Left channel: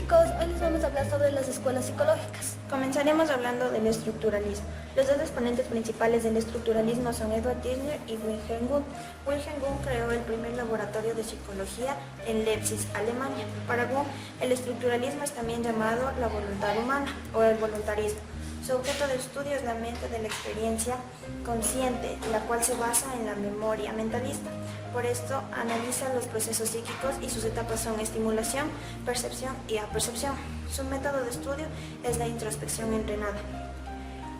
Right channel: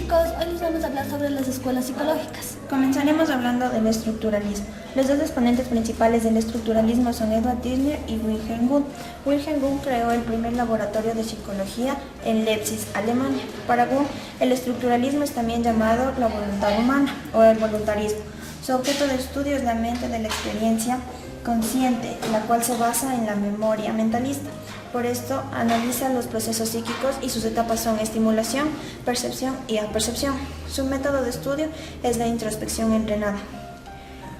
chicos, hoy les vamos a hablar sobre las escuelas psicológicas. Comenzaremos hablando del estructuralismo. Los dos exponentes principales del estructuralismo son Edward Dissner y Wilhelm Wundt. Wilhelm Wundt creó el primer laboratorio de psicología en Leipzig, Alemania. Para Wundt, el estructuralismo es también llamado la voluntad humana o el voluntarismo. Su objeto de estudio es la mente de la experiencia consciente, la cual se basa en la memoria mentalista. Por esto, analiza los procesos psíquicos y sus etapas son estimulación, percepción y apercepción. Su método de estudio es la introspección entrenada.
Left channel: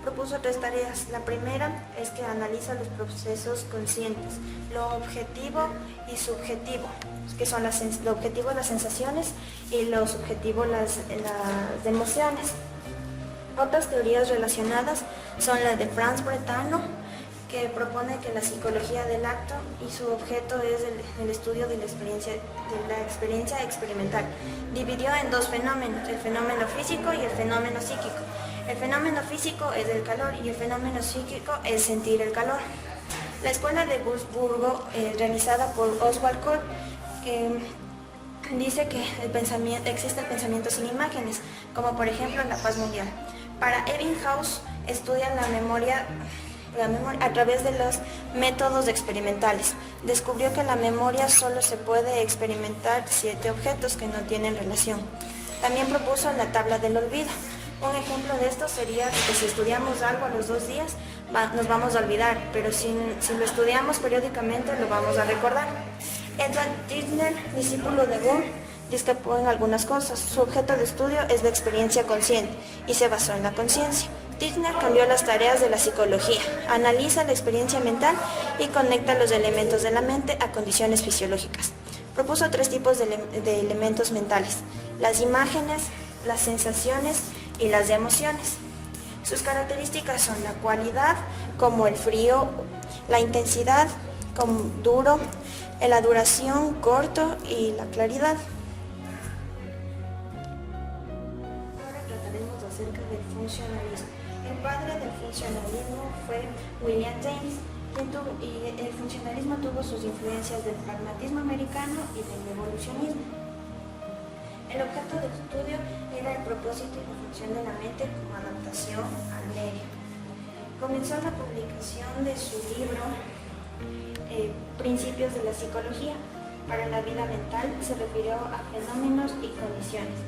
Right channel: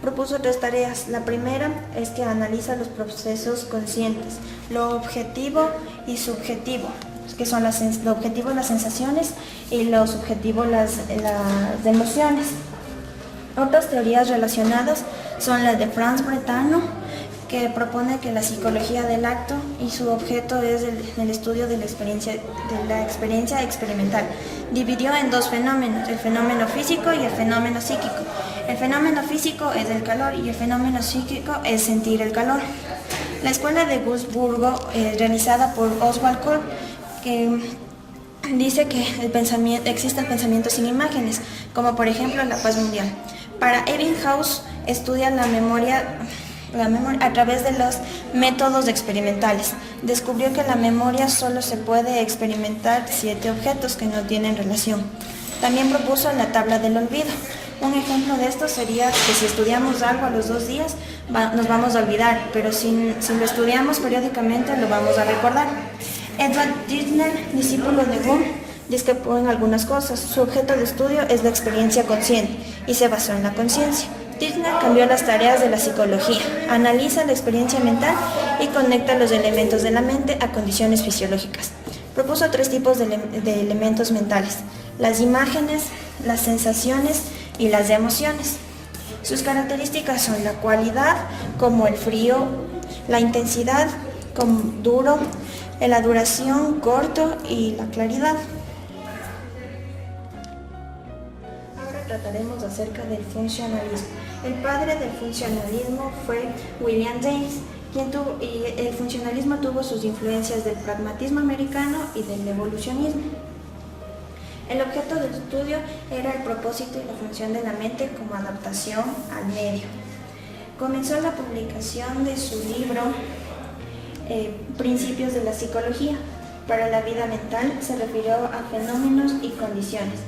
Propuso tres tareas. La primera es que analiza los procesos conscientes, lo objetivo y subjetivo, que son lo objetivo las sensaciones y lo subjetivo las emociones. Otras teorías relacionadas son las de Franz Brentano, que propone que la psicología del acto y su objeto es el estudio de la experiencia experimental. Dividió en dos fenómenos, el fenómeno físico y el fenómeno psíquico. El fenómeno físico es el calor y el fenómeno psíquico es sentir el calor. La escuela de Wurzburgo, realizada por Oswald Kohl, que dice que existe el pensamiento sin imágenes, como por ejemplo la paz mundial. Para Ebbinghaus estudia la memoria a través de los métodos experimentales. Descubrió que la memoria solo se puede experimentar 7 objetos que no tienen relación. También propuso la tabla del olvido. Un ejemplo de esto sería que si estudiamos algo a los 2 días, nos vamos a olvidar, pero si lo estudiamos periódicamente, lo vamos a recordar. Edward Dissner, discípulo de Wundt, discrepó en algunas cosas. Su objeto de estudio es la experiencia consciente y se basó en la conciencia. Dissner cambió las tareas de la psicología, analiza la experiencia mental y conecta los elementos de la mente a condiciones fisiológicas. Propuso 3 tipos de elementos mentales: las imágenes, las sensaciones y las emociones. Sus características son la cualidad, como el frío, la intensidad, como duro, la duración, corto, y la claridad. Ahora trataremos acerca del funcionalismo. El padre del funcionalismo fue William James, y el funcionalismo tuvo sus influencias del pragmatismo americano y del evolucionismo. El objeto del estudio era el propósito y la función de la mente como adaptación al medio. Comenzó la publicación de su libro Principios de la psicología. Para la vida mental se refirió a fenómenos y condiciones.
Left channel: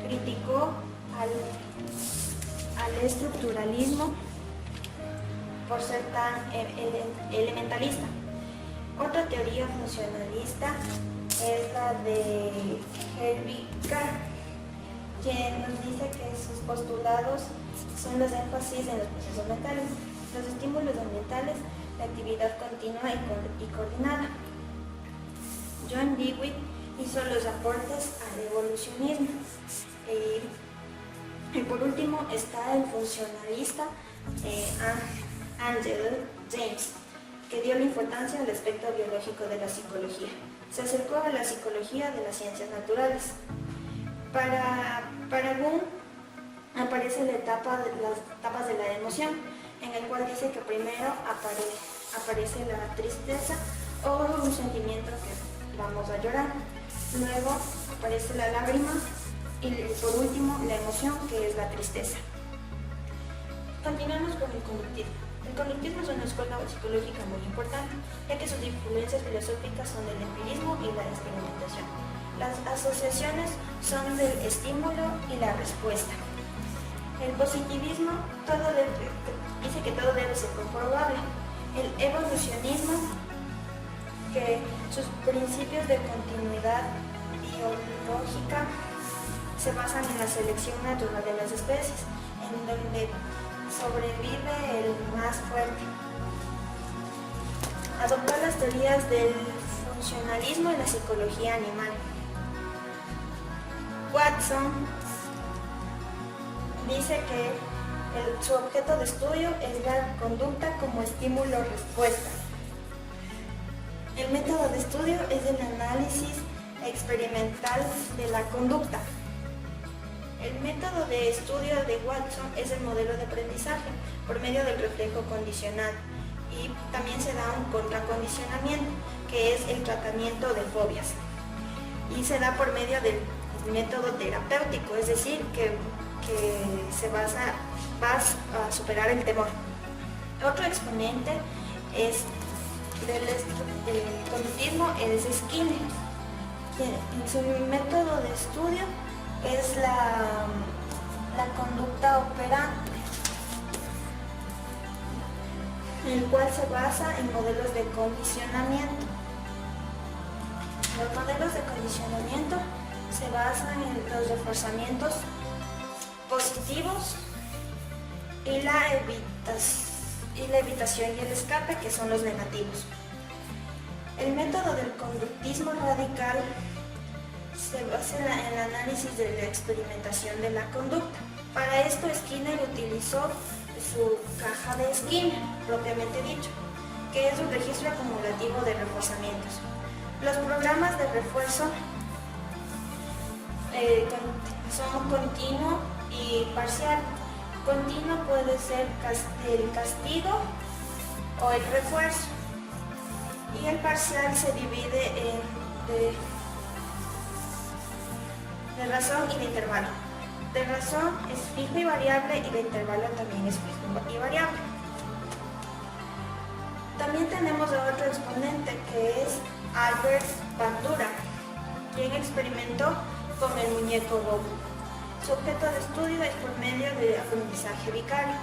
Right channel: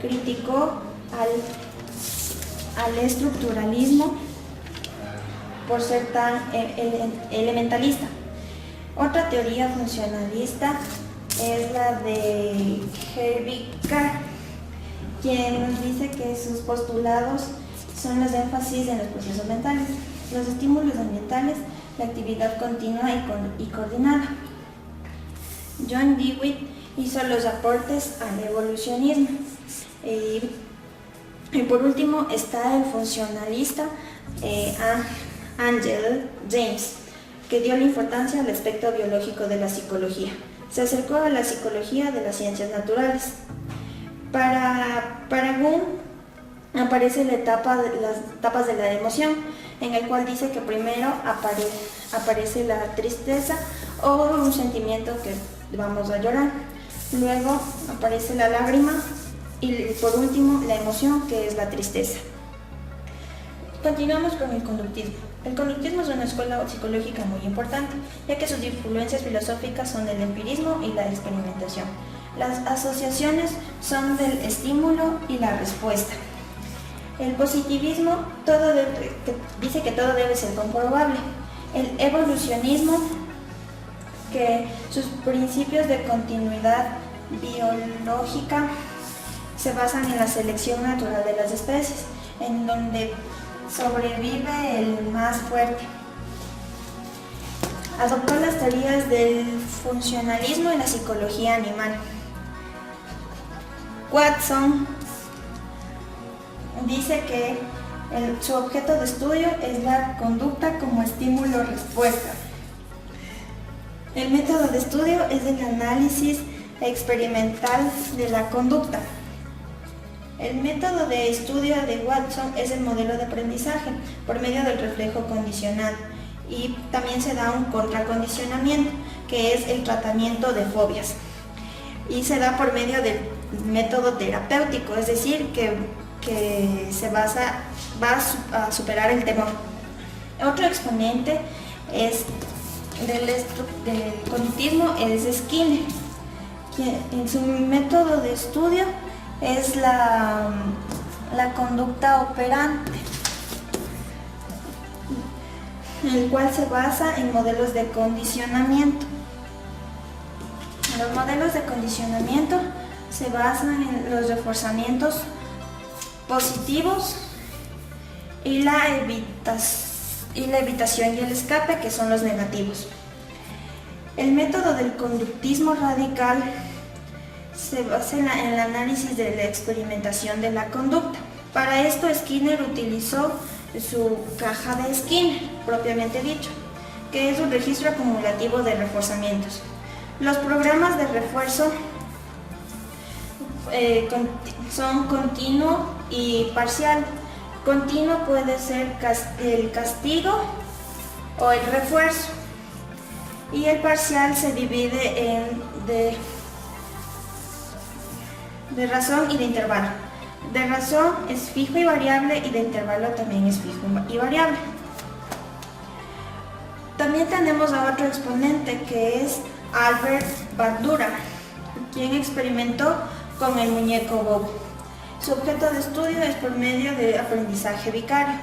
Criticó al estructuralismo por ser tan elementalista. Otra teoría funcionalista es la de Herbie Carr, quien nos dice que sus postulados son los énfasis en los procesos mentales, los estímulos ambientales, la actividad continua y coordinada. John Dewey hizo los aportes al evolucionismo. Y por último está el funcionalista Angel James, que dio la importancia al aspecto biológico de la psicología. Se acercó a la psicología de las ciencias naturales. Para Wundt aparece las etapas de la emoción, en el cual dice que primero aparece la tristeza o un sentimiento que vamos a llorar. Luego aparece la lágrima y por último la emoción, que es la tristeza. Continuamos con el conductismo. El conductismo es una escuela psicológica muy importante, ya que sus influencias filosóficas son del empirismo y la experimentación. Las asociaciones son del estímulo y la respuesta. El positivismo dice que todo debe ser comprobable. El evolucionismo, que sus principios de continuidad biológica se basan en la selección natural de las especies, en donde sobrevive el más fuerte. Adoptó las teorías del funcionalismo y la psicología animal. Watson dice que su objeto de estudio es la conducta como estímulo-respuesta. El método de estudio es el análisis experimental de la conducta. El método de estudio de Watson es el modelo de aprendizaje por medio del reflejo condicional, y también se da un contracondicionamiento, que es el tratamiento de fobias. y se da por medio del método terapéutico, es decir, que va a superar el temor. Otro exponente del conductismo es Skinner, que en su método de estudio es la conducta operante, el cual se basa en modelos de condicionamiento. Los modelos de condicionamiento se basan en los reforzamientos positivos y la evitación y el escape, que son los negativos. El método del conductismo radical se basa en el análisis de la experimentación de la conducta. Para esto Skinner utilizó su caja de Skinner, propiamente dicho, que es un registro acumulativo de reforzamientos. Los programas de refuerzo son continuo y parcial. Continuo puede ser el castigo o el refuerzo, y el parcial se divide en de razón y de intervalo. De razón es fijo y variable, y de intervalo también es fijo y variable. También tenemos a otro exponente, que es Albert Bandura, quien experimentó con el muñeco Bob. Su objeto de estudio es por medio de aprendizaje vicario.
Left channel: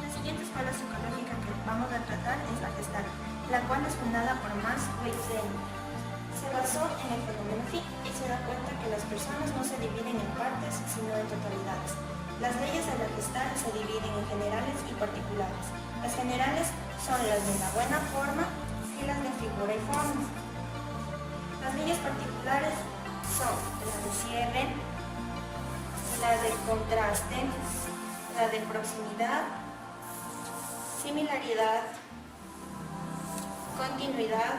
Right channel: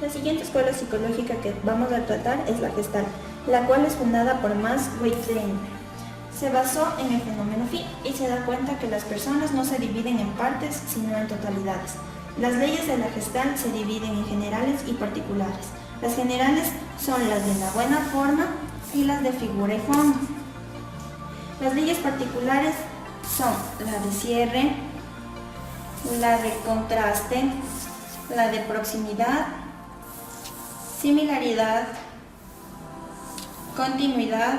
La siguiente escuela psicológica que vamos a tratar es la Gestalt, la cual es fundada por Max Wettstein. Se basó en el fenómeno Phi y se da cuenta que las personas no se dividen en partes, sino en totalidades. Las leyes de la Gestalt se dividen en generales y particulares. Las generales son las de la buena forma y las de figura y forma. Las leyes particulares son la de cierre, la de contraste, la de proximidad, similaridad, continuidad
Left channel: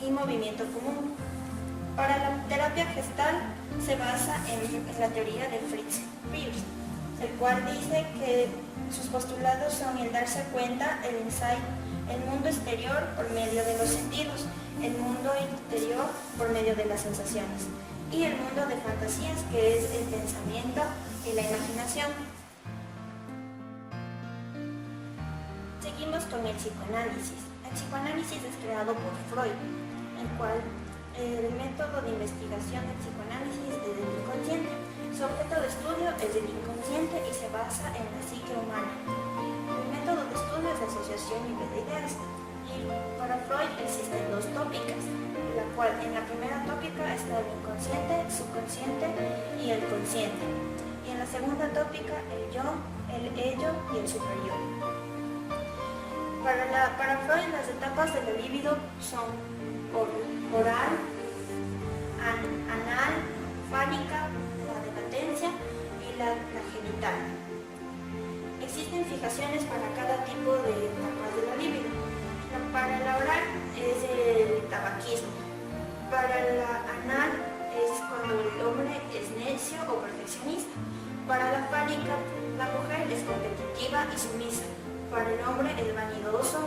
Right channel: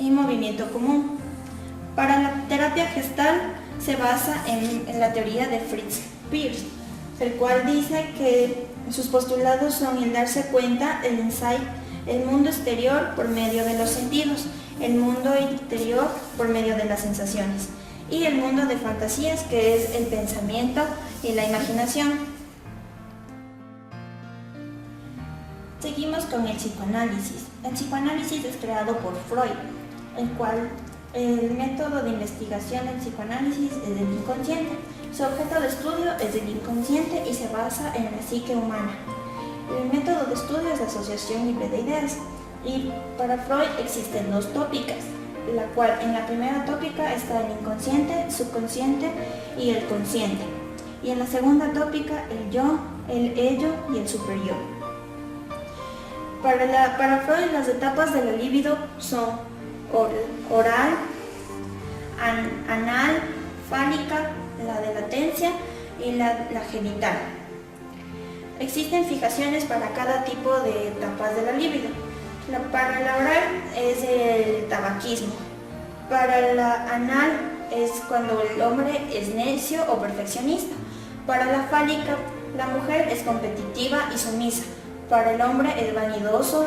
y movimiento común. Para la terapia gestal se basa en la teoría de Fritz Perls, el cual dice que sus postulados son el darse cuenta, el insight, el mundo exterior por medio de los sentidos, el mundo interior por medio de las sensaciones, y el mundo de fantasías, que es el pensamiento y la imaginación. Seguimos con el psicoanálisis. El psicoanálisis es creado por Freud, el cual el método de investigación del psicoanálisis es el inconsciente. Su objeto de estudio es el inconsciente y se basa en la psique humana. El método de estudio es la asociación libre de ideas, y para Freud existen dos tópicas, la cual en la primera tópica está el inconsciente, subconsciente y el consciente, y en la segunda tópica el yo, el ello y el superior. Para Freud las etapas de la libido son oral, anal, fálica, la de latencia y la genital. Existen fijaciones para cada tipo de etapas de la libido. Para la oral es el tabaquismo. Para la anal es cuando el hombre es necio o perfeccionista. Para la fálica, la mujer es competitiva y sumisa. Para el hombre es vanidoso.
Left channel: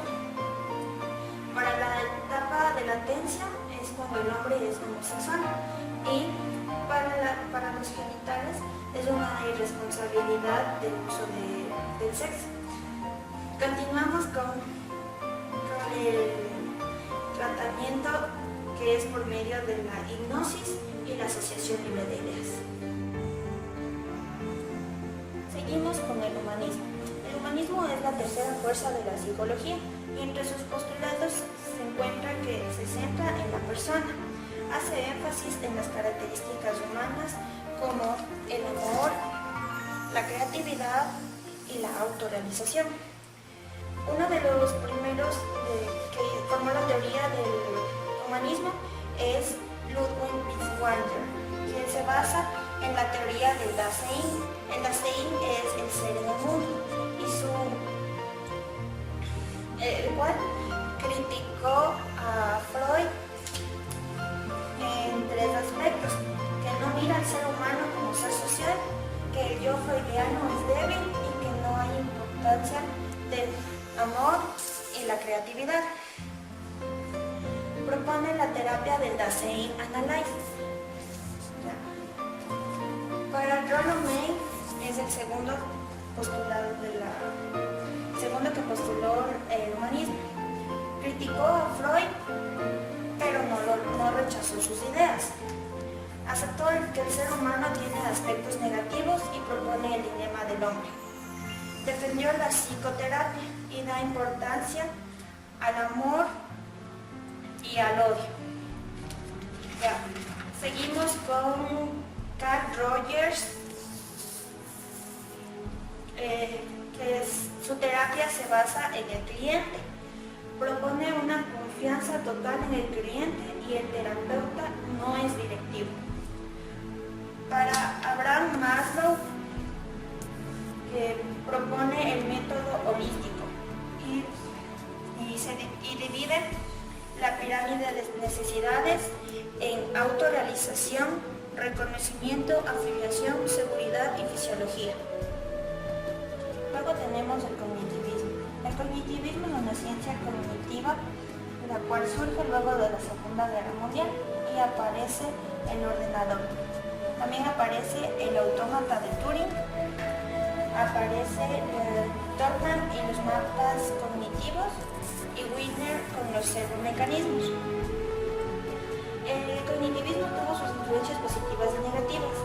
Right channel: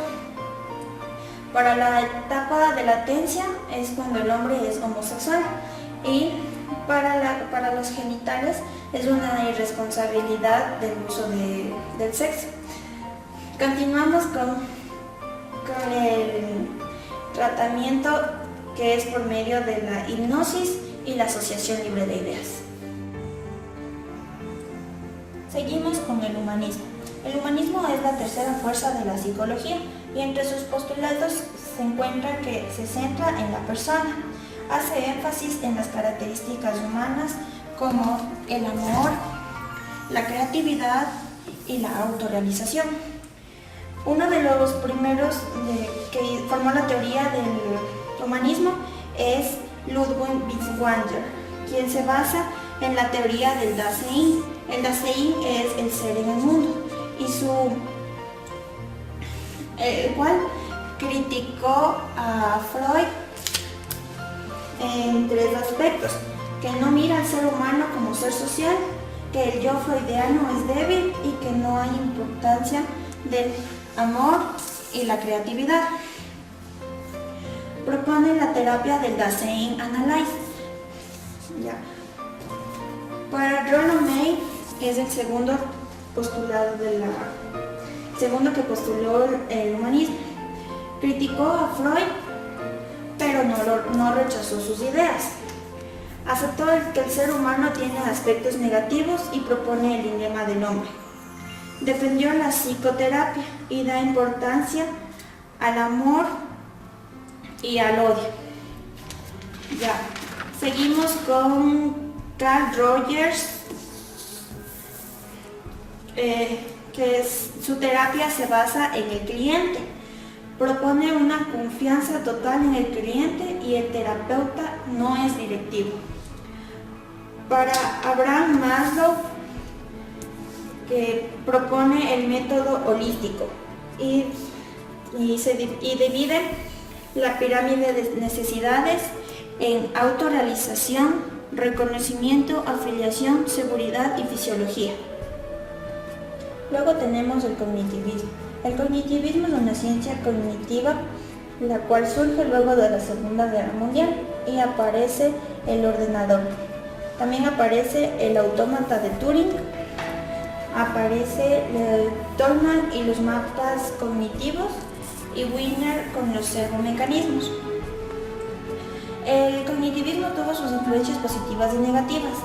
Para la etapa de latencia es cuando el hombre es homosexual. Y para los genitales es una irresponsabilidad del uso del sexo. Continuamos con el tratamiento, que es por medio de la hipnosis y la asociación libre de ideas. Seguimos con el humanismo. El humanismo es la tercera fuerza de la psicología, y entre sus postulados se encuentra que se centra en la persona. Hace énfasis en las características humanas como el amor, la creatividad y la autorrealización. Uno de los primeros que formó la teoría del humanismo es Ludwig Wittgenstein, quien se basa en la teoría del Dasein. El Dasein es el ser en el mundo, el cual criticó a Freud en tres aspectos: que no mira al ser humano como ser social, que el yo freudiano es débil y que no hay importancia del amor y la creatividad. Propone la terapia del Dasein Analysis. Ya. Para Rollo May es el segundo que postuló el humanismo. Criticó a Freud, pero no rechazó sus ideas. Aceptó que el ser humano tiene aspectos negativos y propone el dilema del hombre. Defendió la psicoterapia y da importancia al amor y al odio. Ya, seguimos con Carl Rogers, su terapia se basa en el cliente. Propone una confianza total en el cliente y el terapeuta no es directivo. Para Abraham Maslow, propone el método holístico y divide la pirámide de necesidades en autorrealización, reconocimiento, afiliación, seguridad y fisiología. Luego tenemos el cognitivismo. El cognitivismo es una ciencia cognitiva la cual surge luego de la Segunda Guerra Mundial y aparece el ordenador. También aparece el autómata de Turing, aparece el Tolman y los mapas cognitivos y Wiener con los servomecanismos. El cognitivismo tuvo sus influencias positivas y negativas.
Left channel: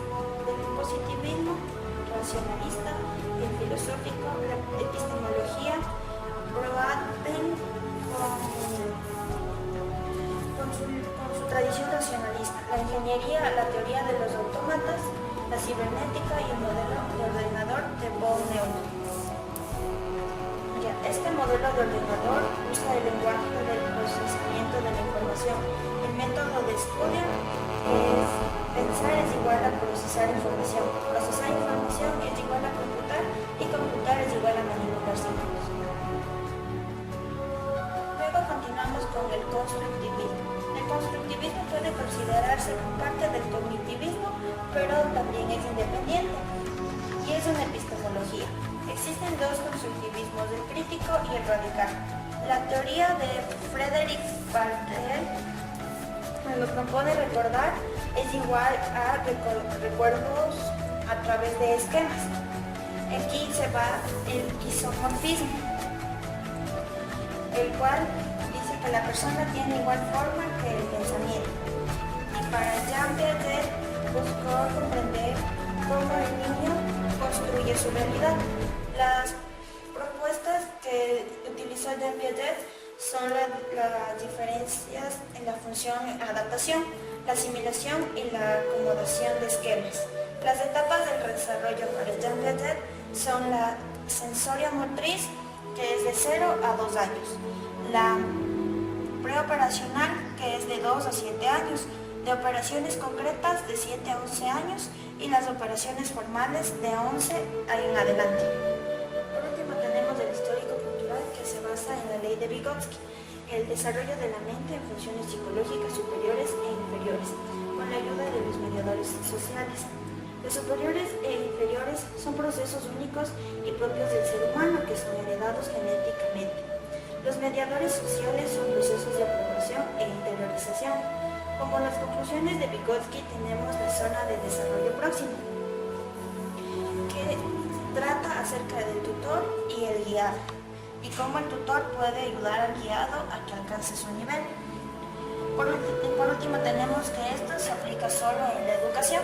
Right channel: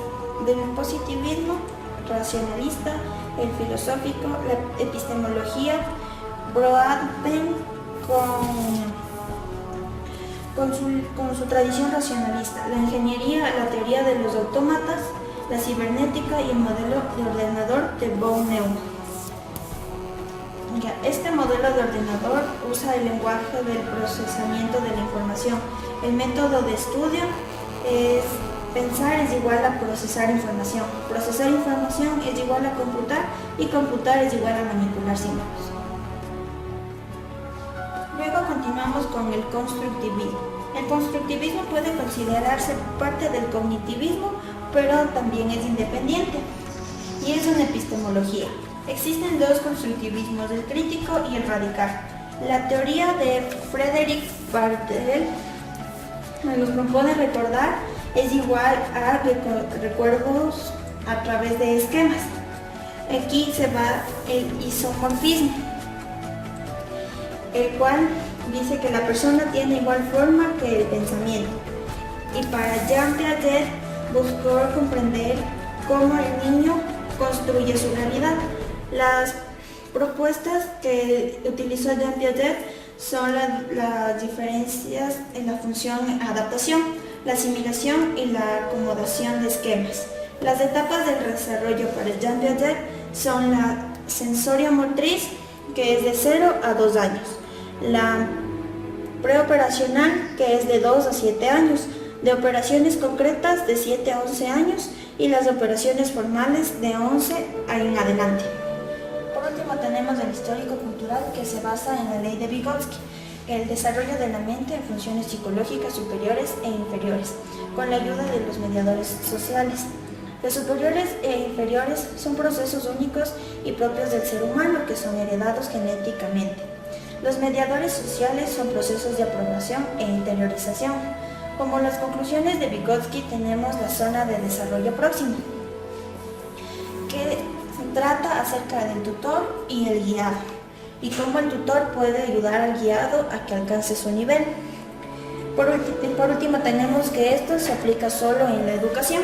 Del positivismo racionalista, el filosófico, la epistemología, Broadbent con su tradición racionalista, la ingeniería, la teoría de los autómatas, la cibernética y el modelo de ordenador de von Neumann. Este modelo de ordenador usa el lenguaje del procesamiento de la información. El método de estudio es pensar es igual a procesar información. Procesar información es igual a computar y computar es igual a manipular símbolos. Luego continuamos con el constructivismo. El constructivismo puede considerarse parte del cognitivismo, pero también es independiente y es una epistemología. Existen dos constructivismos, el crítico y el radical. La teoría de Frederick Bardel, lo puede recordar, es igual a recuerdos a través de esquemas. Aquí se va el isomorfismo, el cual dice que la persona tiene igual forma que el pensamiento. Y para Jean Piaget buscó comprender cómo el niño construye su realidad. Las propuestas que utilizó Jean Piaget son las diferencias en la función adaptación, la asimilación y la acomodación de esquemas. Las etapas del desarrollo para Jean Piaget son la sensorio-motriz, que es de 0 a 2 años, la preoperacional, que es de 2 a 7 años, de operaciones concretas de 7 a 11 años y las operaciones formales de 11 en adelante. Por último tenemos el histórico-cultural, que se basa en la ley de Vygotsky, el desarrollo de la mente en funciones psicológicas superiores e inferiores, con la ayuda de los mediadores sociales. Los superiores e inferiores son procesos únicos y propios del ser humano que son heredados genéticamente. Los mediadores sociales son procesos de aprobación e interiorización. Como las conclusiones de Vygotsky tenemos la zona de desarrollo próximo, que trata acerca del tutor y el guiado, y cómo el tutor puede ayudar al guiado a que alcance su nivel. Por último tenemos que esto se aplica solo en la educación.